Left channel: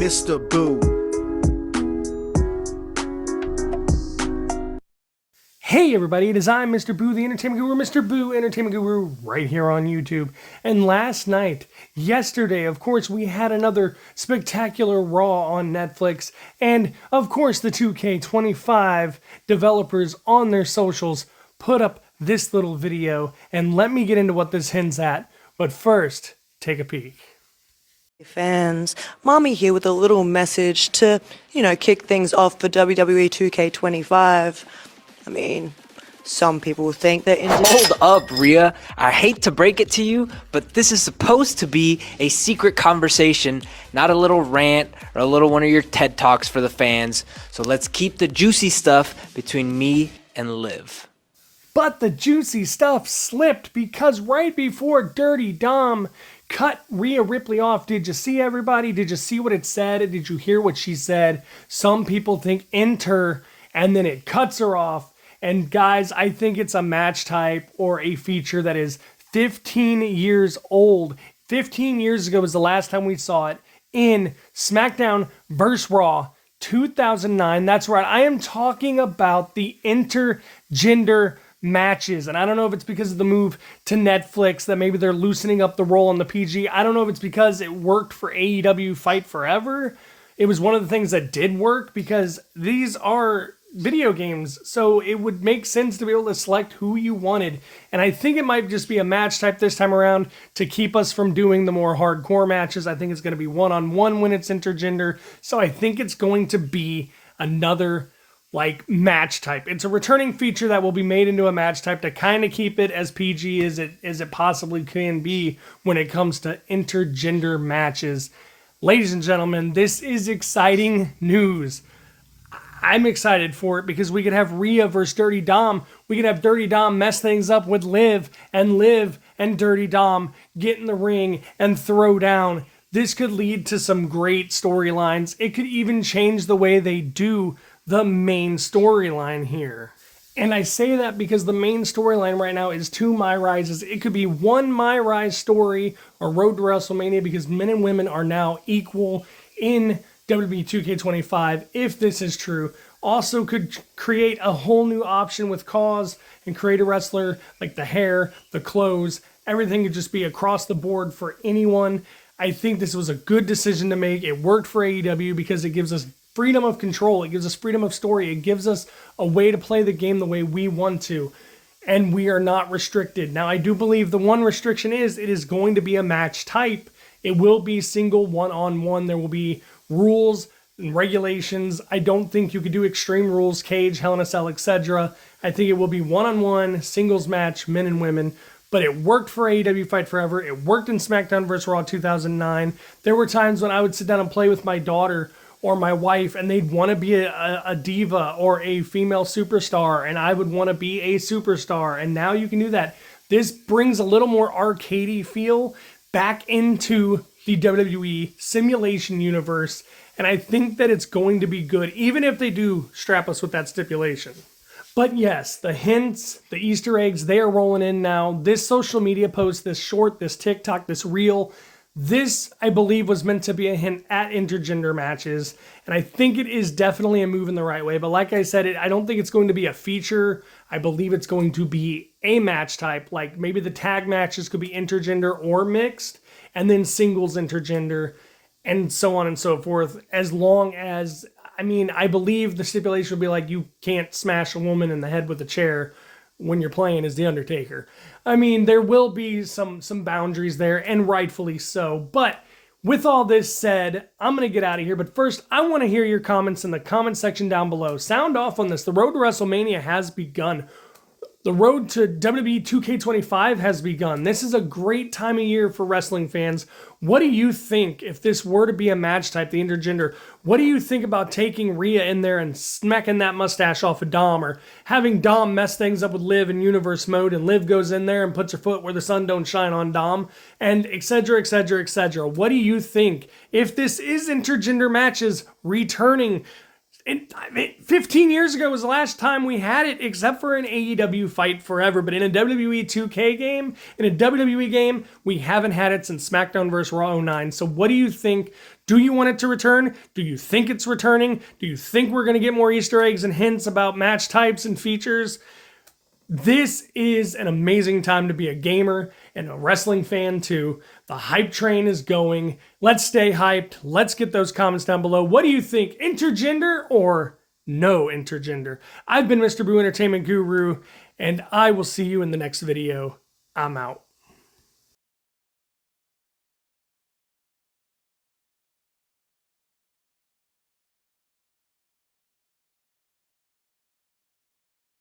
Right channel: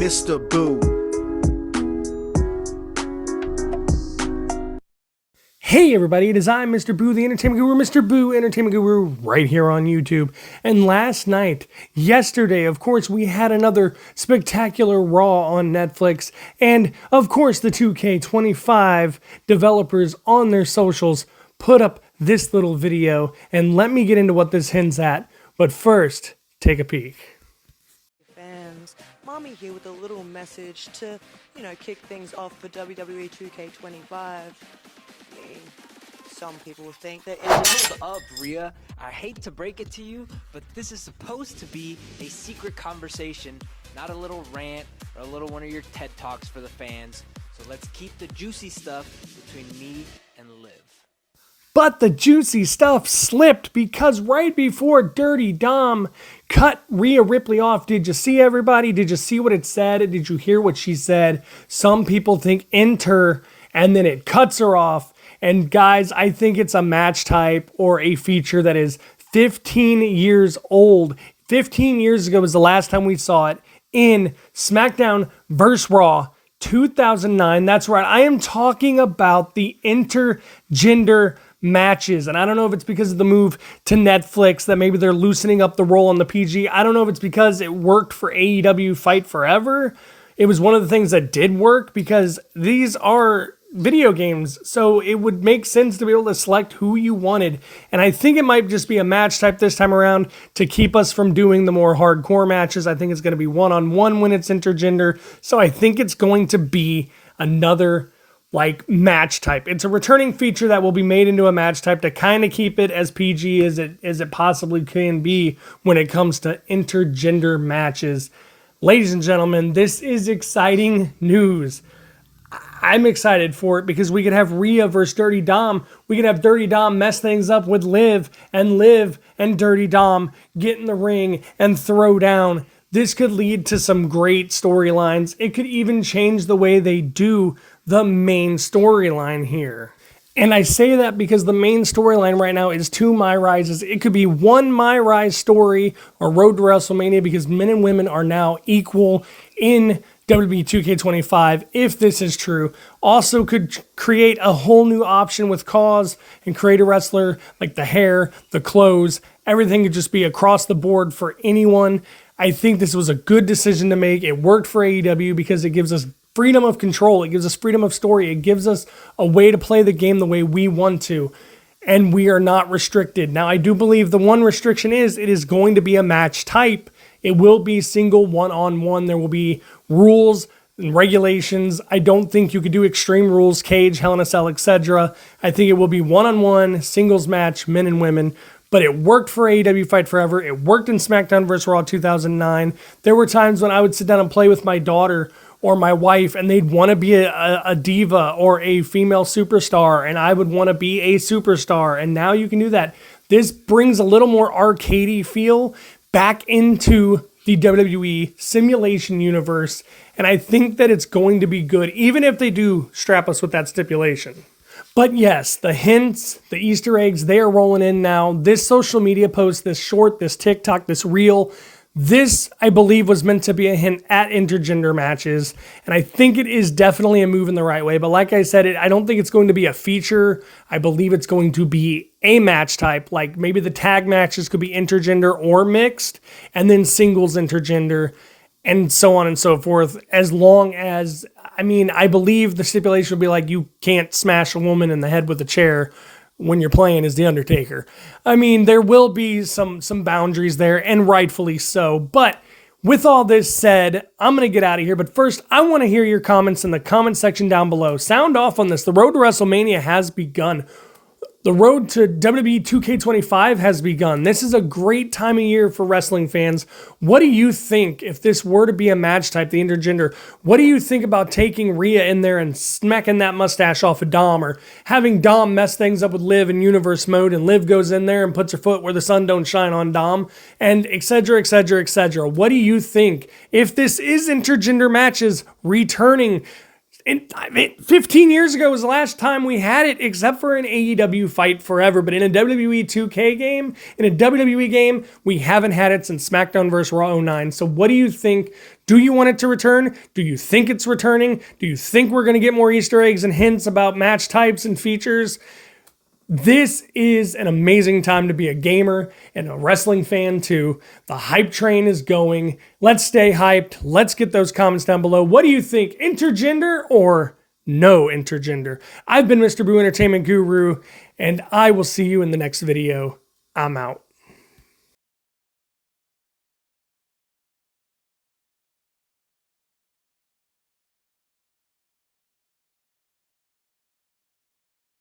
Mr. Boo. Hey everybody, it is I, Mr. Boo, the Entertainment Guru, Mr. Boo, Entertainment Guru, right here on YouTube. And yesterday, of course, we had another spectacular Raw on Netflix. And, of course, the 2K25 developers on their socials put up this little video. And let me get into what this hints at. But first, take a peek. Fans, Mommy here with a little message to, kick things off for WWE 2K25. I mean, some people think that Hold up, Rhea. I hate to break it to you, but this is supposed to be a secret conversation, not a little rant or a little one of your TED Talks for the fans. So let's keep the juicy stuff between me and Liv. But the juicy stuff slipped because right before Dirty Dom cut Rhea Ripley off, did you see everybody? Did you see what it said? Did you hear what she said? Some people think enter, and then it cuts her off. And guys, I think it's a match type or a feature that is 15 years old. 15 years ago was the last time we saw it in SmackDown vs. Raw 2009. That's right. I am talking about the intergender matches. And I don't know if it's because of the move to Netflix that maybe they're loosening up the role on the PG. I don't know if it's because it worked for AEW Fight Forever. It was one of the things that did work because these are video games, so it would make sense to be able to select who you wanted. And I think it might just be a match type this time around to keep us from doing the more hardcore matches. I think it's going to be one-on-one when it's intergender. So I think it's going to be another match type. It's a returning feature that will be made into a match type to kind of keep it as PG as it possibly can be when it comes to intergender matches. Ladies and gentlemen, this is exciting news. I'm excited for it because we could have Rhea versus Dirty Dom. We could have Dirty Dom mess things up with Liv and Dirty Dom get in the ring and throw down. This could lead to some great storylines. It could even change the way they do the main storyline here. And I say that because the main storyline right now is 2 My Rises. It could be 1 My Rise story or Road to WrestleMania because men and women are now equal in WWE 2K25, if this is true. Also could create a whole new option with Cause and create a wrestler, like the hair, the clothes, everything could just be across the board for anyone. I think this was a good decision to make. It worked for AEW because it gives us freedom of control. It gives us freedom of story. It gives us a way to play the game the way we want to. And we are not restricted. Now, I do believe the one restriction is it is going to be a match type. It will be single one-on-one. There will be rules and regulations. I don't think you could do Extreme Rules, cage, Hell in a Cell, etc. I think it will be one-on-one, singles match, men and women. But it worked for AEW Fight Forever. It worked in SmackDown vs. Raw 2009. There were times when I would sit down and play with my daughter or my wife, and they'd want to be a diva or a female superstar, and I would want to be a superstar. And now you can do that. This brings a little more arcadey feel back into the WWE simulation universe, and I think that it's going to be good, even if they do strap us with that stipulation. But yes, the hints, the Easter eggs, they are rolling in now. This social media post, this short, this TikTok, this reel, this, I believe, was meant to be a hint at intergender matches, and I think it is definitely a move in the right way. But like I said, I don't think it's going to be a feature. I believe it's going to be a match type, like maybe the tag matches could be intergender or mixed, and then singles intergender, and so on and so forth, as long as, I believe the stipulation would be like you can't smash a woman in the head with a chair when you're playing as The Undertaker. There will be some boundaries there, and rightfully so. But with all this said, I'm going to get out of here. But first, I want to hear your comments in the comment section down below. Sound off on this. The road to WrestleMania has begun. The road to WWE 2K25 has begun. This is a great time of year for wrestling fans. What do you think if this were to be a match type, the intergender? What do you think about taking Rhea in there and smacking that mustache off of Dom, or having Dom mess things up with Liv in universe mode, and Liv goes in there and puts her foot where the sun don't shine on Dom, and etc., etc., etc.? What do you think if this is intergender matches returning 15 years ago was the last time we had it, except for an AEW Fight Forever. But in a WWE 2K game, in a WWE game, we haven't had it since SmackDown vs. Raw 09. So what do you think? Do you want it to return? Do you think it's returning? Do you think we're going to get more Easter eggs and hints about match types and features? This is an amazing time to be a gamer and a wrestling fan too. The hype train is going. Let's stay hyped. Let's get those comments down below. What do you think? Intergender or no intergender? I've been Mr. Boo Entertainment Guru, and I will see you in the next video. I'm out.